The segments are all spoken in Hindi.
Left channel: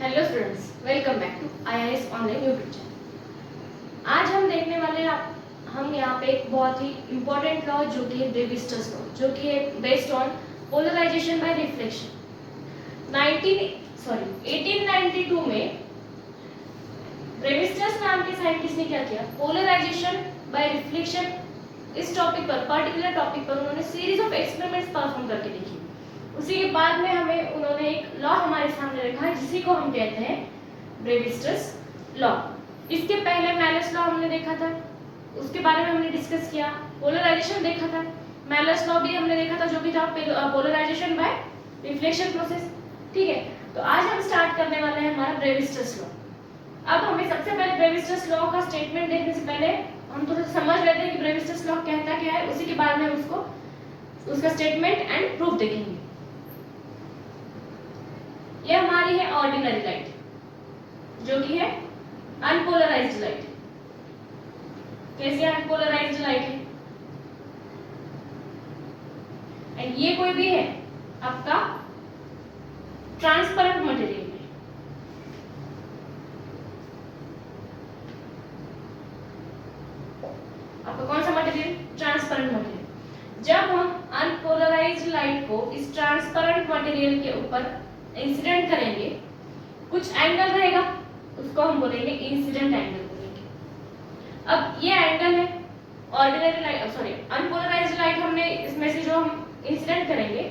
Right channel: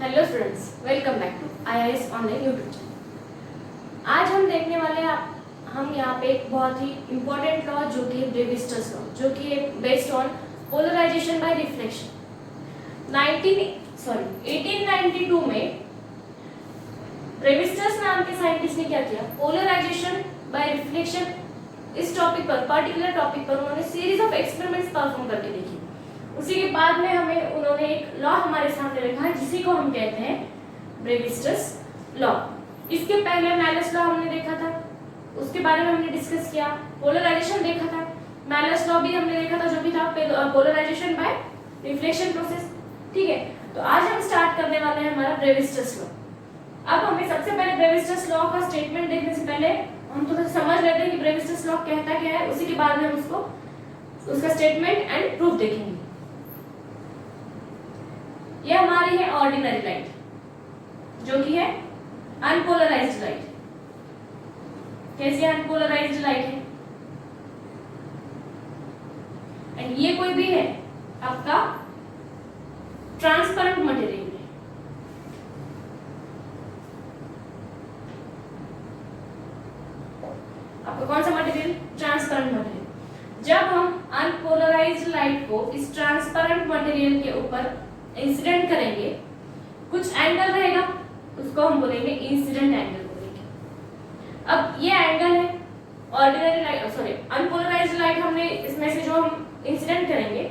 Hello students, welcome back to IIS online YouTube channel. आज हम देखने वाले हैं हम यहाँ पे एक बहुत ही इम्पोर्टेंट लॉ जो कि है ब्रेविस्टर्स लॉ, जो कि है based on polarization by reflection. 1892 में ब्रेविस्टर्स नाम के साइंटिस्ट ने क्या किया, पोलराइजेशन बाय रिफ्लेक्शन इस टॉपिक पर, पर्टिकुलर टॉपिक पर उन्होंने सीरीज ऑफ एक्सपेरिमेंट्स परफॉर्म करके देखी। उसी के बाद में हमें उन्होंने एक लॉ हमारे सामने रखा, जिसी को हम कहते हैं ब्रेविस्टर्स लॉ। इसके पहले मैलस लॉ हमने देखा था, उसके बारे में हमने डिस्कस किया। पोलराइजेशन देखा था, मैलस लॉ भी हमने देखा था, जो भी था पोलराइजेशन बाय रिफ्लेक्शन प्रोसेस। ठीक है, तो आज हम स्टार्ट करने वाले हैं हमारा ब्रेविस्टर्स लॉ। अब हमें सबसे पहले ब्रेविस्टर्स लॉ का स्टेटमेंट देखने से पहले हम थोड़ा समझ लेते हैं कि ब्रेविस्टर्स लॉ कहता क्या है। उसी के बाद में हम उसका स्टेटमेंट एंड प्रूफ देखेंगे। ये हमारी है ऑर्डिनरी लाइट, जो कि है अनपोलराइज्ड लाइट। कैसी अनपोलराइज्ड लाइट है? एंड ये कोई भी है आपका ट्रांसपेरेंट मटेरियल में। आपका कौन सा मटेरियल? Transparent material. जब हम अनपोलराइज्ड लाइट को इस ट्रांसपेरेंट मटेरियल के ऊपर इंसिडेंट करेंगे, कुछ एंगल रहेगा, उसको हम बोलेंगे इंसिडेंट एंगल बोलेंगे। अब ये एंगल है ordinary light, sorry unpolarised light. हमने इसमें से जो हम इंसिडेंट करेंगे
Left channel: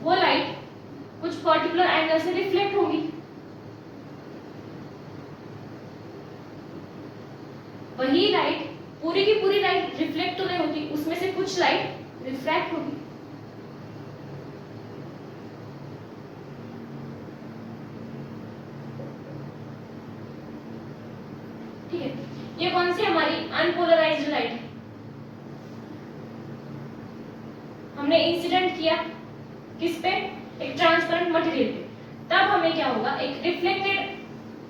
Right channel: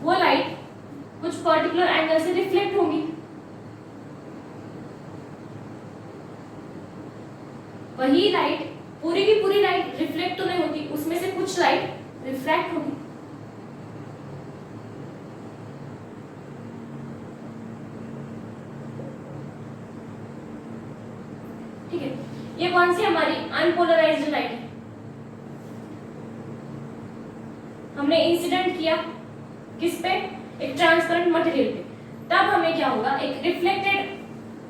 वो लाइट कुछ पर्टिकुलर एंगल से रिफ्लेक्ट होगी। वही लाइट पूरी की पूरी लाइट रिफ्लेक्ट तो नहीं होती, उसमें से कुछ लाइट रिफ्रैक्ट होगी। ठीक है, ये कौन सी हमारी अनपोलराइज्ड लाइट है। हमने इंसिडेंट किया किस पे? एक ट्रांसपेरेंट मटेरियल पे। तब हमें क्या होगा, एक रिफ्लेक्टेड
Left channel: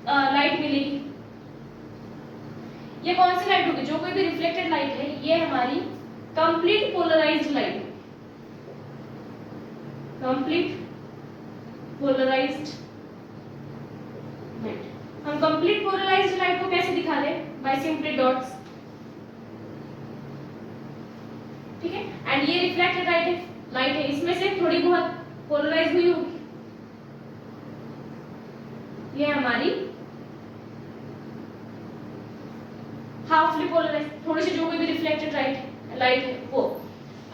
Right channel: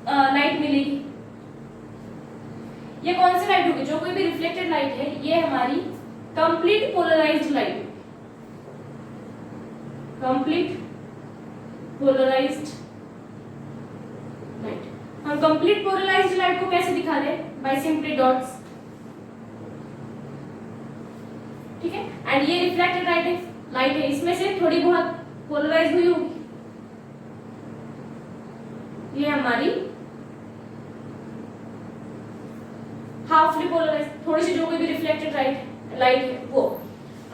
लाइट मिलेगी। ये कौन सी लाइट होगी? जो कोई भी रिफ्लेक्टेड लाइट है, ये हमारी complete polarized light, complete polarized light. हम कंप्लीट पोलराइज्ड लाइट को कैसे दिखा दे? By simply dots. ठीक है, एंड ये रिफ्लेक्टेड लाइट है, इसमें से थोड़ी बहुत पोलराइज हुई होगी। ये हमारी हाफली पोलराइज, थोड़ी सी जो कोई भी रिफ्लेक्टेड लाइट है वो।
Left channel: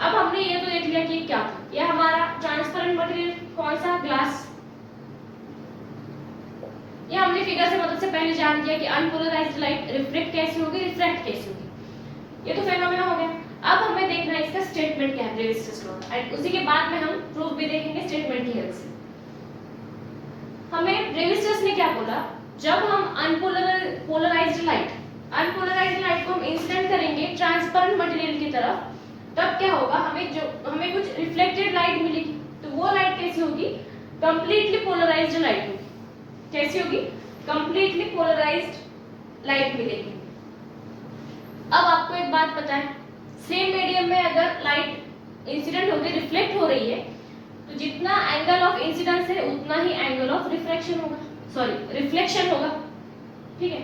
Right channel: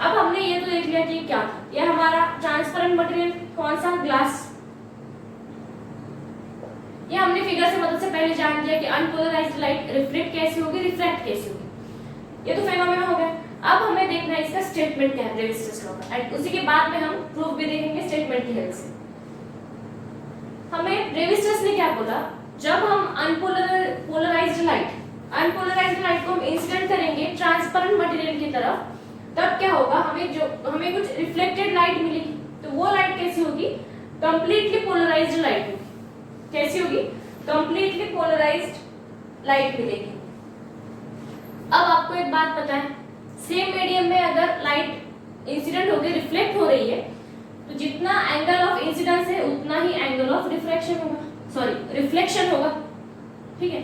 अब हमने ये तो देख लिया कि क्या था। ये हमारा ट्रांसपेरेंट मटेरियल कौन सा? ग्लास। ये हमने फिगर से मदद से पहले जान लिया कि अनपोलराइज्ड लाइट रिफ्लेक्ट कैसी होगी, रिफ्रैक्ट कैसी होगी। ये तो फेनोमेना हो गया। अब हमें देखना है इसका स्टेटमेंट क्या है, ब्रेविस्टर्स लॉ, एंड उसी के बाद में हम प्रूफ भी देखेंगे स्टेटमेंट की हेल्प से। हमें ब्रेविस्टर्स ने क्या बोला, जब हम अनपोलराइज्ड लाइट को हम इंसिडेंट करेंगे ट्रांसपेरेंट मटेरियल की तरफ, तब क्या होगा, हमें कुछ रिफ्लेक्टेड लाइट मिलेगी। तो वो लाइट कैसी होगी? कंप्लीटली पोलराइज्ड लाइट होगी। कैसी होगी? कंप्लीटली पोलराइज्ड लाइट मिलेगी। अब आपको एक बात पता है, सेम मीडियम में अगर लाइट इंसिडेंट होगी, रिफ्लेक्ट हो रही है, तो जितना एंगल ऑफ इंसिडेंस है उतना ही एंगल ऑफ रिफ्लेक्शन होगा, सॉरी रिफ्लेक्शन होगा। ठीक है,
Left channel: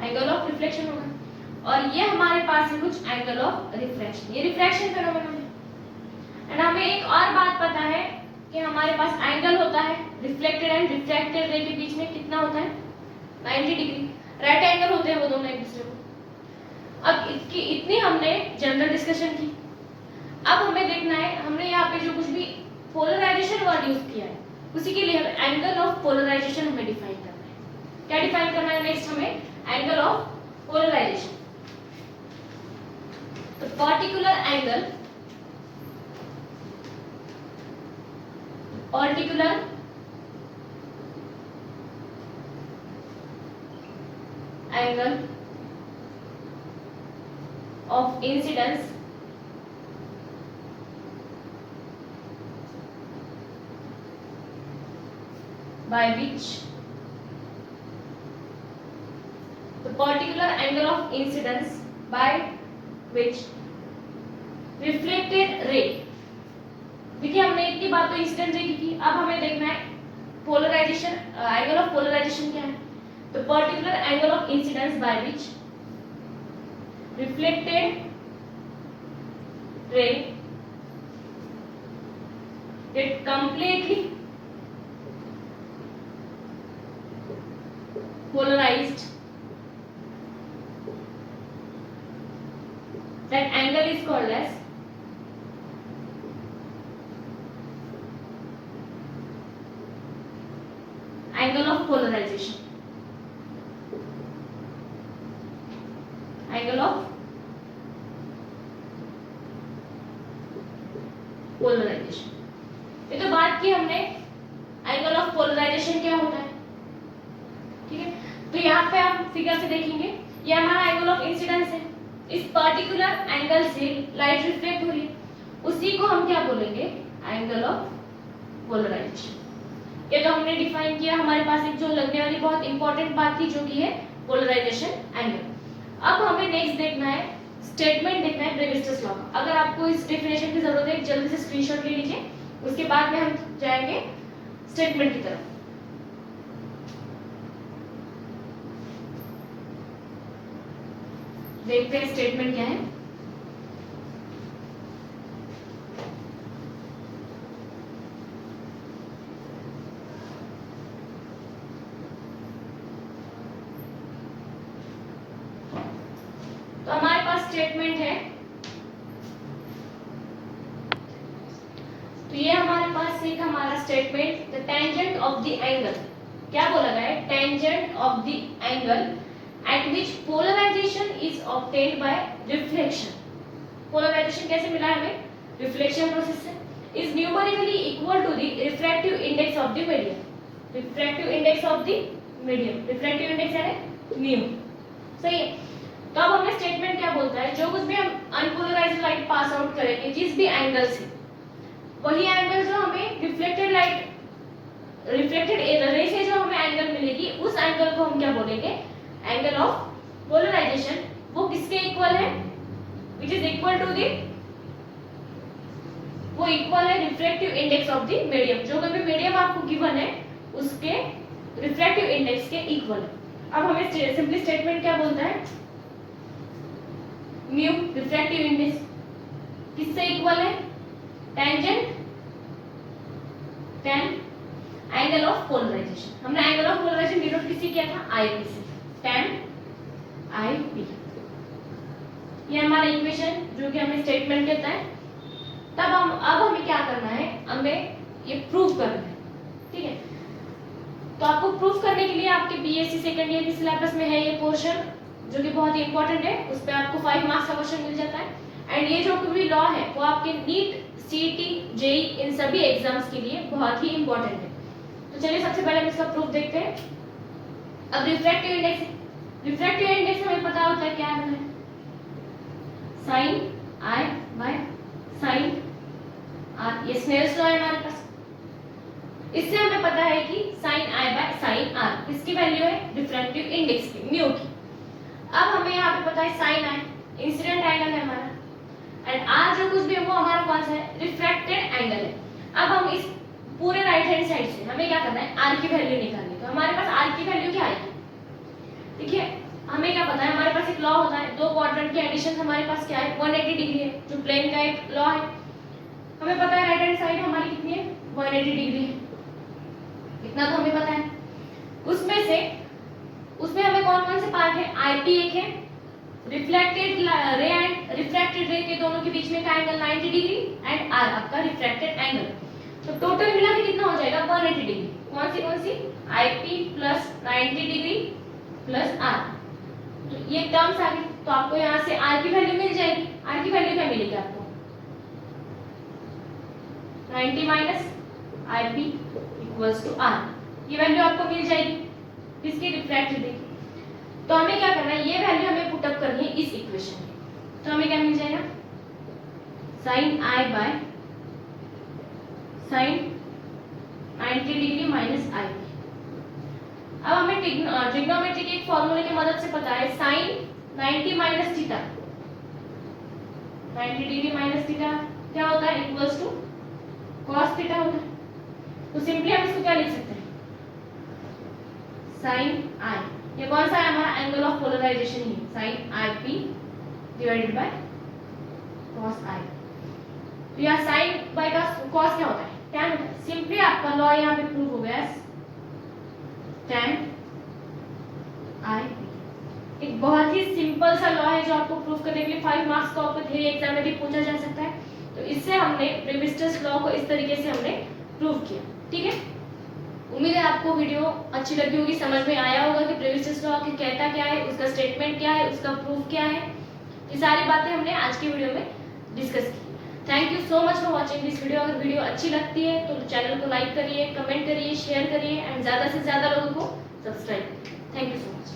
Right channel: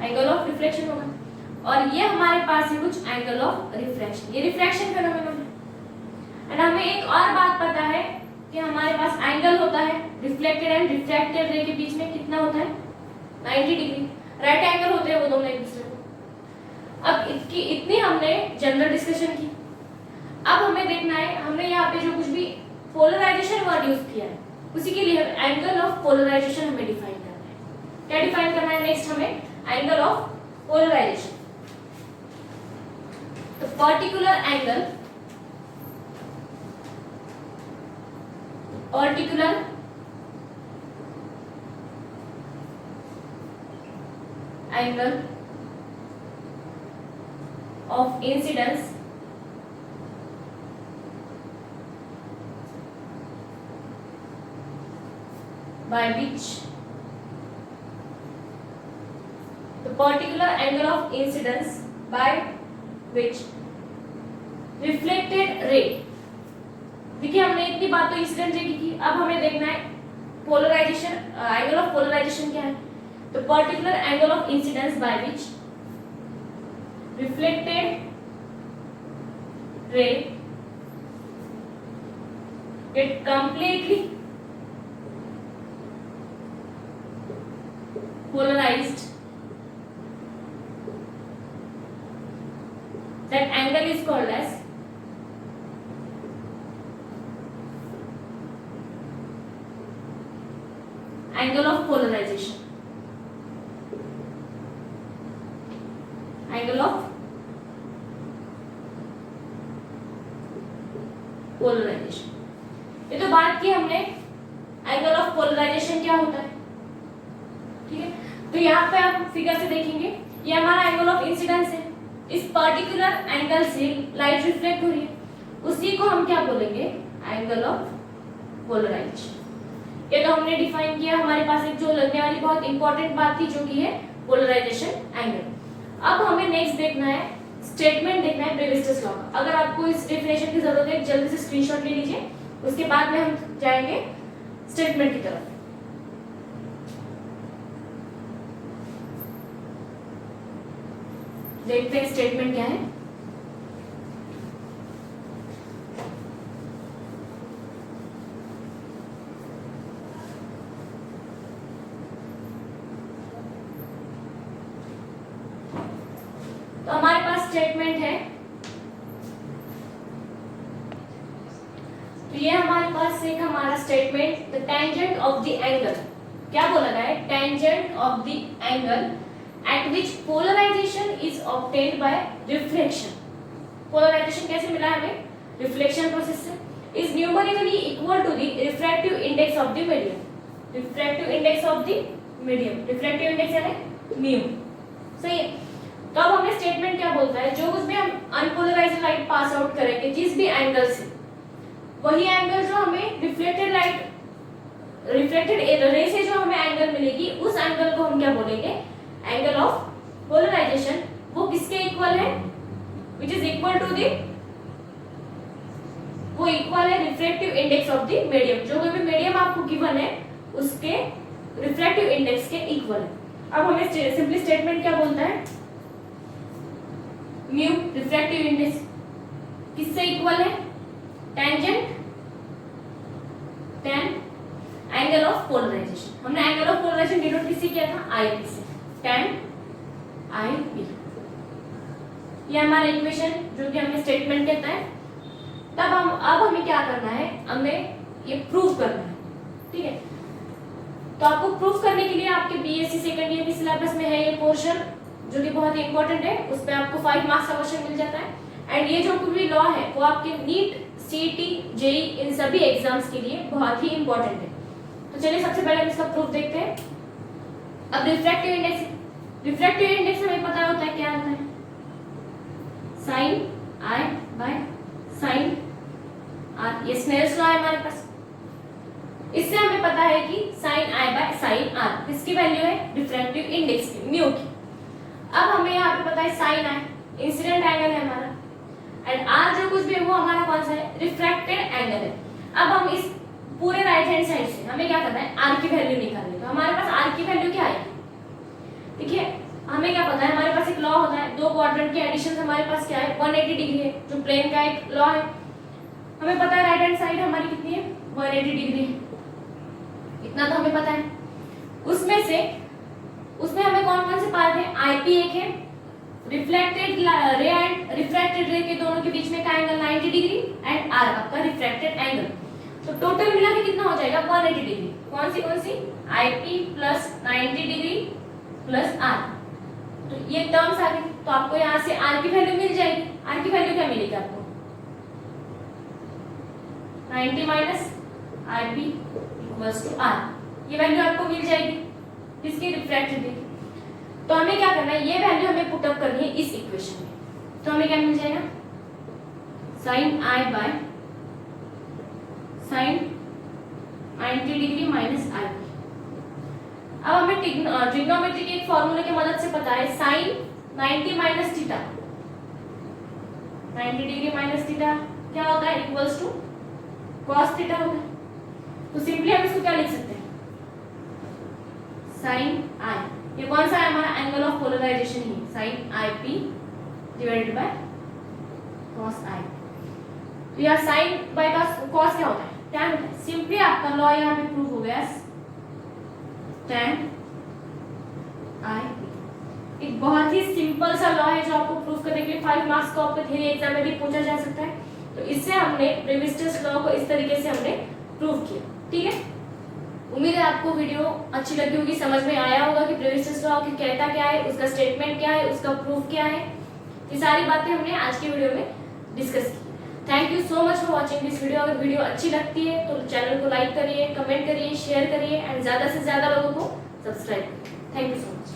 एंगल ऑफ रिफ्लेक्शन होगा। और ये हमारे पास है कुछ एंगल ऑफ रिफ्रैक्शन, ये रिफ्रैक्शन फेनोमेनन है। एंड हमें एक और बात पता है कि हमारे पास एंगल होता है रिफ्लेक्टेड एंड रिफ्रैक्टेड रे के बीच में, कितना होता है? 90 डिग्री। राइट एंगल होते हैं वो दोनों एक दूसरे को। अब इतनी हमने जनरल डिस्कशन की। अब हमें देखना है, हमने यहाँ पे जो कुछ भी पोलराइजेशन वर्ड यूज किया है, उसी के लिए एंगल ऑफ पोलराइजेशन हमें डिफाइन करना है। क्या डिफाइन करना है नेक्स्ट हमें? Angle of polarisation. तो particular angle of incidence by which the particular angle of incidence by which reflected ray देखिए हमने इतनी बात तो इंसिडेंट रे की, अब हमें देखना है पोलराइजेशन, एंगल ऑफ पोलराइजेशन क्या है। तो particular angle of incidence by which reflected ray get completely polarized, that angle is called as angle of polarization. Angle of polarization. ये तो बात की हमने एंगल ऑफ पोलराइजेशन क्या होता है, ठीक है। तो यहाँ पे आप फिगर से देखेंगे ये हमारा एंगल ऑफ इंसिडेंस है, इस पर्टिकुलर एंगल से लाइट रिफ्लेक्ट हो रही है, उसी को हम क्या बोलेंगे, एंगल ऑफ पोलराइजेशन। ये तो हमने डिफाइन किया, हमारे पास एक जो लगने वाली बहुत इंपॉर्टेंट बात थी जो कि है पोलराइजेशन एंगल। अब हमें नेक्स्ट देखना है स्टेटमेंट, देखना है ब्रेविस्टस लॉ का। अगर आपको इस डेफिनेशन की जरूरत है जल्दी से स्क्रीनशॉट ले लीजिए, उसके बाद में हम जाएंगे स्टेटमेंट की तरफ। देखते हैं स्टेटमेंट क्या है। तो हमारे पास स्टेटमेंट है, तो ये हमारे पास एक हमारा statement, the tangent of the angle, क्या बोला गया है, tangent of the angle at which polarization is obtained by reflection. Polarization कैसे मिला हमें, reflection process से, is numerically equal to the refractive index of the medium. Refractive index of the medium, refractive index यानी mu, सही है। तो अब हमें स्टेटमेंट क्या बोलता है, जो कुछ भी हम अनपोलराइज्ड लाइट पास आउट करेंगे जिस भी एंगल से, वही एंगल जो हमें रिफ्लेक्टेड लाइट, रिफ्लेक्टेड रे से जो हमें एंगल मिलेगी, उस एंगल को हम क्या बोलेंगे, एंगल ऑफ पोलराइजेशन। वो किसके इक्वल है, which is equal to the, वो इक्वल है refractive index of the medium, जो कोई भी मीडियम आपको गिवन है उसके रिफ्रैक्टिव इंडेक्स के इक्वल है। अब हमें सिंपली स्टेटमेंट क्या बोलता है, म्यू रिफ्रैक्टिव इंडेक्स किससे इक्वल है, tangent tan angle of polarization. हमने एंगल ऑफ पोलराइजेशन डिनोट किससे किया था, आईपी से, tan IP। ये हमारा इक्वेशन जो कि हमें स्टेटमेंट कहता है। तब अब हमें क्या करना है, हमें ये प्रूव करना है, ठीक है। तो आपको प्रूव करने के लिए आपके बीएससी सेकंड ईयर की सिलेबस में है ये पोर्शन जो कि बहुत ही इंपॉर्टेंट है, उस पर आपको 5 मार्क्स का क्वेश्चन मिल जाता है। एंड ये जो भी लॉ है वो आपके नीट, सीईटी, जेई इन सभी एग्जाम्स के लिए बहुत ही इंपॉर्टेंट है। तो चलिए सबसे पहले हम इसका प्रूफ देखते हैं। अब रिफ्रैक्टिव इंडेक्स, रिफ्रैक्टिव इंडेक्स हमें पता होता है क्या होता है, sine i by sine r, ये स्नेल्स लॉ है हमारे पास। इससे हमें पता है कि sine i by sine r किसकी वैल्यू है, रिफ्रैक्टिव इंडेक्स की, म्यू की। अब हमें यहाँ पे पता है साइन आई इंसिडेंट एंगल है हमारा, एंड आर जो कुछ भी है वो हमारा कौन सा है, रिफ्रैक्टेड एंगल है। अब हम इस पूरे राइट हैंड साइड से हमें क्या करना है, आर की वैल्यू निकालने का। हमारे पास आर की वैल्यू क्या आएगी, देखिए हमें क्या पता है, हमारे पास एक लॉ होता है, दो क्वाड्रेंट के एडिशन हमारे पास क्या है, 180 डिग्री है, जो प्लेन का एक लॉ है। हमें पता है राइट हैंड साइड हमारी कितनी है, 180 डिग्री है, इतना तो हमें पता है। उसमें हमें कौन कौन से पार्ट है, आईपी एक है, रिफ्लेक्टेड रे एंड रिफ्रैक्टेड रे के दोनों के बीच में का एंगल 90 डिग्री, एंड आर आपका रिफ्रैक्टेड एंगल। तो टोटल मिला के कितना हो जाएगा, 180 डिग्री। कौन सी i p plus 90 degree plus r, तो ये टर्म्स आ गई। तो आपको यहाँ से आर की वैल्यू मिल जाएगी। आर की वैल्यू क्या मिलेगी आपको, 90 minus i p equals to r, ये वैल्यू आपको मिल जाएगी किसकी, रिफ्रैक्टिव रे। तो हमें क्या करना है, ये वैल्यू हमें पुट अप करनी है इस इक्वेशन में। तो हमें क्या मिल जाएगा, sine i by sine 90 degree minus i. अब हमें ट्रिग्नोमेट्री के एक फॉर्मूले की मदद से पता है, sine 90 minus theta, 90 degree minus theta क्या होता है, इक्वल्स टू cos थीटा होगा। तो सिंपली हम इसको क्या लिख सकते हैं, sin i, ये कौन सा है हमारा एंगल ऑफ पोलराइजेशन ही, sin i p divided by cos i। तो यहाँ sin बाय cos क्या होता है, tan होता है। सिंपली आपका लॉ यहाँ पे प्रूव हो गया, tan i p। एक बहुत ही सिंपल सा लॉ है जो आपको प्रूव करने के लिए 5 मार्क्स का आपके थ्योरी एग्जाम में भी पूछा जा सकता है। तो इससे हमने ब्रेविस्टस लॉ को इस तरीके से हमने प्रूव किया, ठीक है। उम्मीद है आपको वीडियो अच्छी लगी होगी, समझ में आया होगा कि ब्रेविस्टस लॉ की कहता क्या है, उसका स्टेटमेंट क्या है, उसका प्रूफ क्या है। ये सारी बातें हमने आज की वीडियो में डिस्कस की। Thank you so much for watching this video. अगर वीडियो अच्छी लगती है तो चैनल को लाइक करिए, कमेंट करिए, शेयर करिए एंड ज्यादा से ज्यादा लोगों को सब्सक्राइब करिए। Thank you so much.